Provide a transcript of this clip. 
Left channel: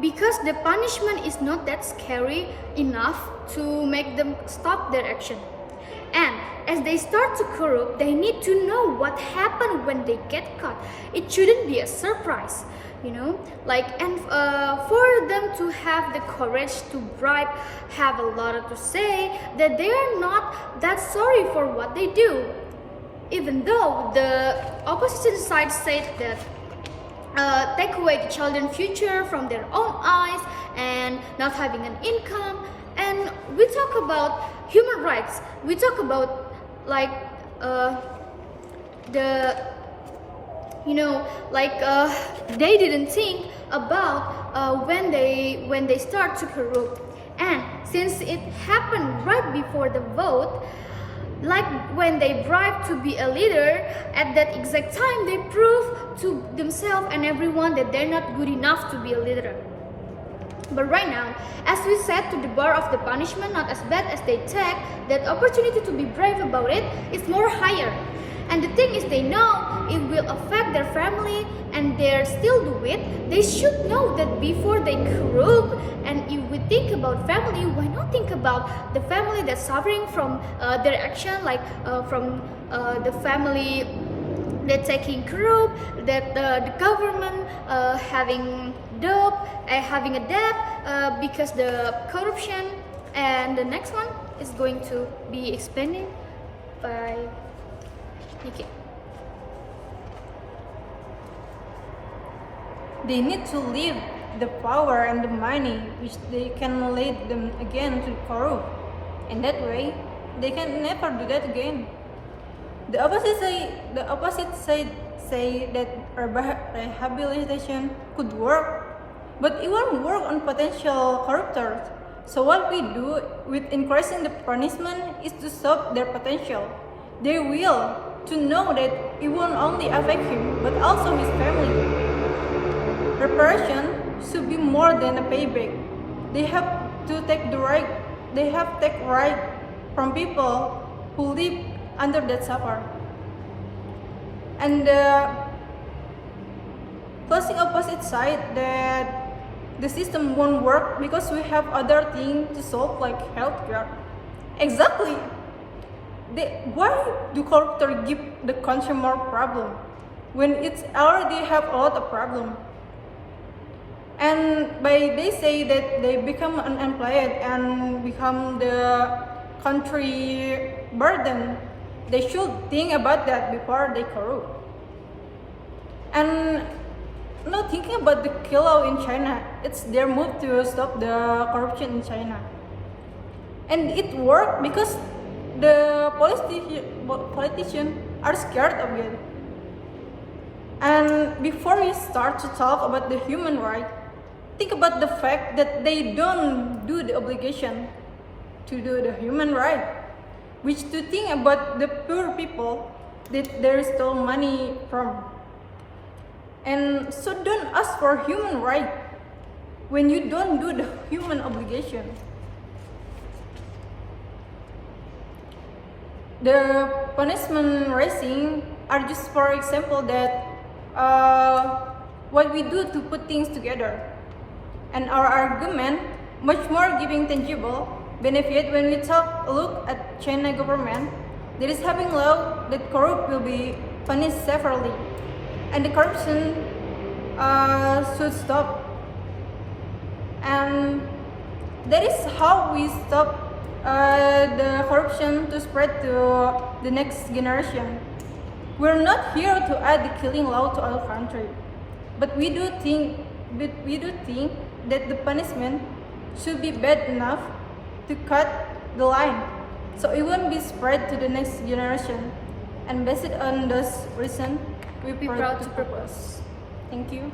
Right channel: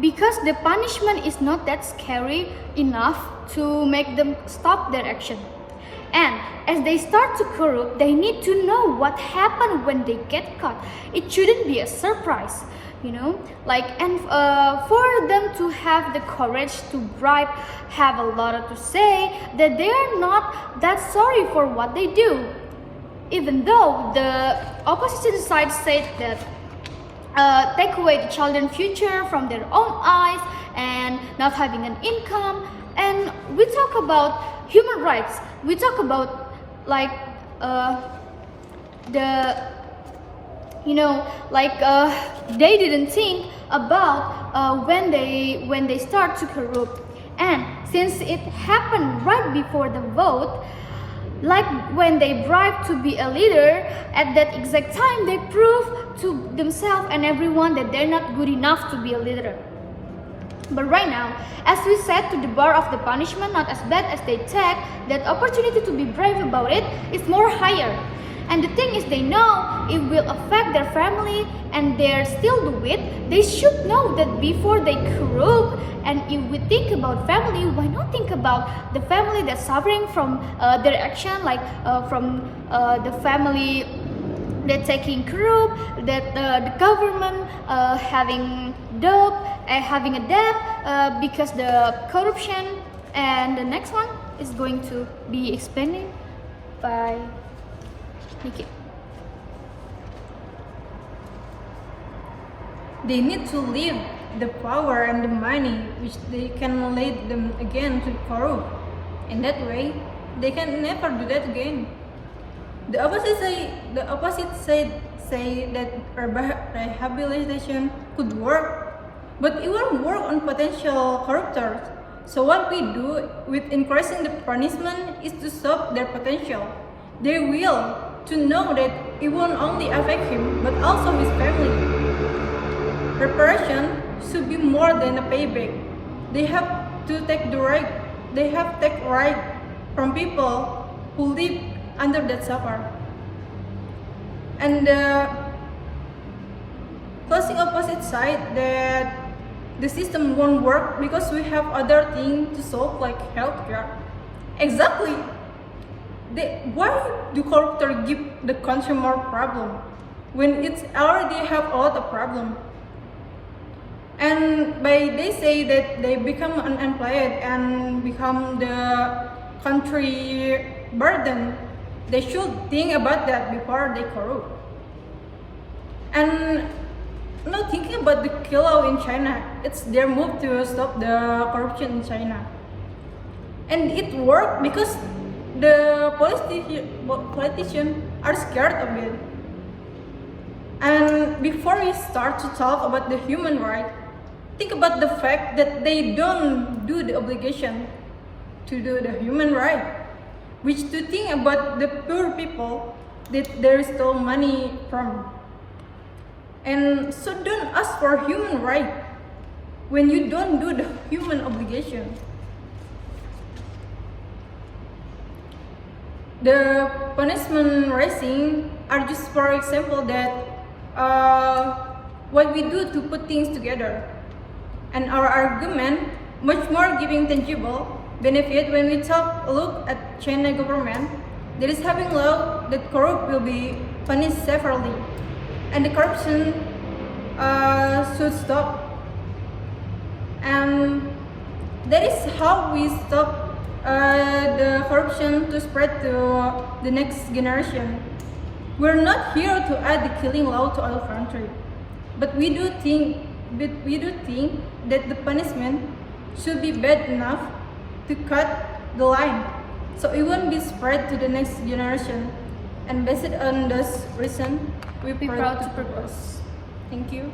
because the punishment is not that scary enough to make them stop their action. And as they start to corrupt, they need to know what happened when they get caught. It shouldn't be a surprise, and for them to have the courage to bribe, have a lot to say that they are not that sorry for what they do. Even though the opposition side said that take away the children's future from their own eyes and not having an income, and we talk about human rights, we talk about they didn't think about when they start to corrupt. And since it happened right before the vote, like when they bribe to be a leader, at that exact time they prove to themselves and everyone that they're not good enough to be a leader. But right now, as we said, to the bar of the punishment not as bad as they take, that opportunity to be brave about it is more higher. And the thing is, they know it will affect their family and they still do it. They should know that before they corrupt. And if we think about family, why not think about the family that's suffering from their action, from the family that taking corrupt, that the government having a debt because the corruption. And the next one is going to be explained by Niki. They need to leave the power and the money which they can lead them again to corrupt. In that way, they can never do that again. The opposite say that rehabilitation could work, but it won't work on potential corruptors. So what we do with increasing the punishment is to stop their potential. They will to know that it won't only affect him but also his family. Reparation should be more than a payback. They have to take right from people who live under that suffer. And the closing opposite side that the system won't work because we have other things to solve like healthcare. Exactly. Why do corruptors give the country more problem when it's already have a lot of problem? And they say that they become unemployed and become the country burden. They should think about that before they corrupt. And not thinking about the killer in China, it's their move to stop the corruption in China. And it worked because the politicians are scared of it. And before we start to talk about the human rights, think about the fact that they don't do the obligation to do the human right, which to think about the poor people that there is still money from. And so don't ask for human right when you don't do the human obligation. The punishment raising are just for example that what we do to put things together. And our argument much more giving tangible benefit when we look at China government that is having law that corrupt will be punished severely, and the corruption should stop. And that is how we stop the corruption to spread to the next generation. We're not here to add the killing law to our country, but we do think that the punishment should be bad enough to cut the line, so it won't be spread to the next generation. And based on this reason, we be proud to propose. Thank you.